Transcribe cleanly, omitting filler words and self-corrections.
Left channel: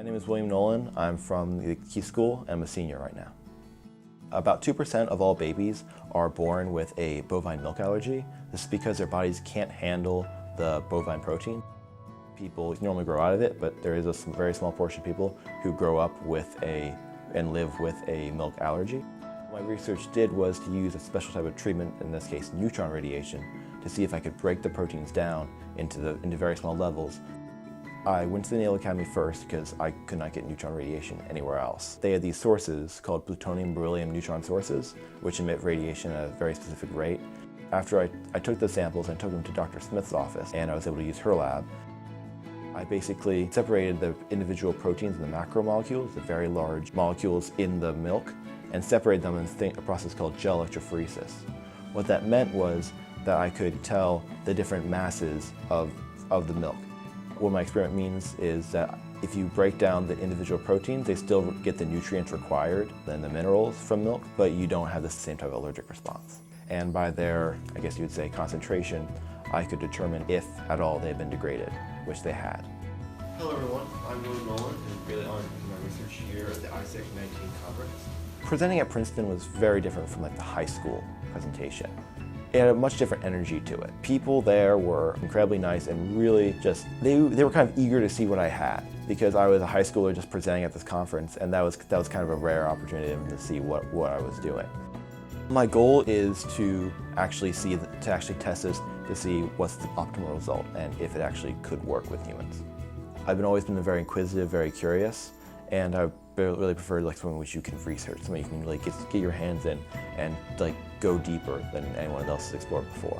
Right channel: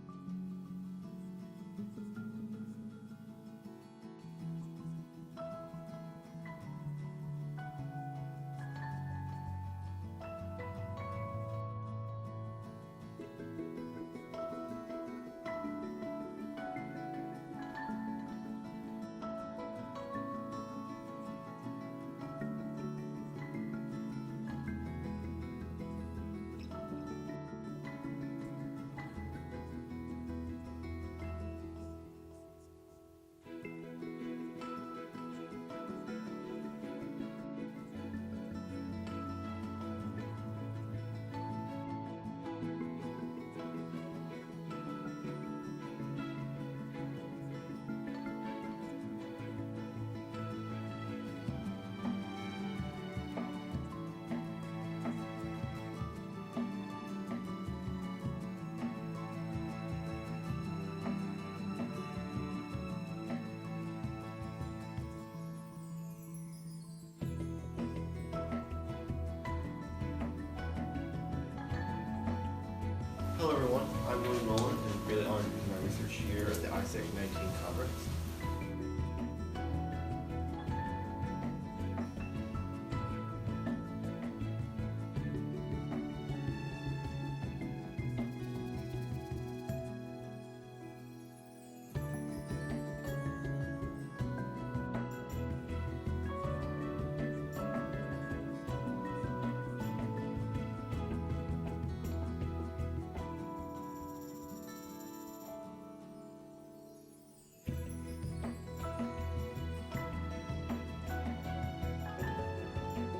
My name is William Nolan. I'm from the Key School and I'm a senior right now. About 2% of all babies are born with a bovine milk allergy. This is because their bodies can't handle the bovine protein. People normally grow out of it, but there is a very small portion of people who grow up with and live with a milk allergy. What my research did was to use a special type of treatment, in this case neutron radiation, to see if I could break the proteins down into very small levels. I went to the Naval Academy first because I could not get neutron radiation anywhere else. They had these sources called plutonium, beryllium, neutron sources, which emit radiation at a very specific rate. After I took the samples, I took them to Dr. Smith's office, and I was able to use her lab. I basically separated the individual proteins and the macromolecules, the very large molecules in the milk, and separated them in a process called gel electrophoresis. What that meant was that I could tell the different masses of the milk. What my experiment means is that if you break down the individual proteins, they still get the nutrients required, then the minerals from milk, but you don't have the same type of allergic response. And by their, I guess you would say, concentration, I could determine if at all they had been degraded, which they had. Hello everyone, I'm William Nolan and really honored to do my research here at the ISEC 19 conference. Presenting at Princeton was very different from the high school presentation. It had a much different energy to it. People there were incredibly nice and really just, they were kind of eager to see what I had, because I was a high schooler just presenting at this conference, and that was kind of a rare opportunity to see what I was doing. My goal is to actually test this to see what's the optimal result and if it actually could work with humans. I've always been very inquisitive, very curious, and I really prefer something which you can research, something you can really get your hands in and go deeper than anyone else has explored before.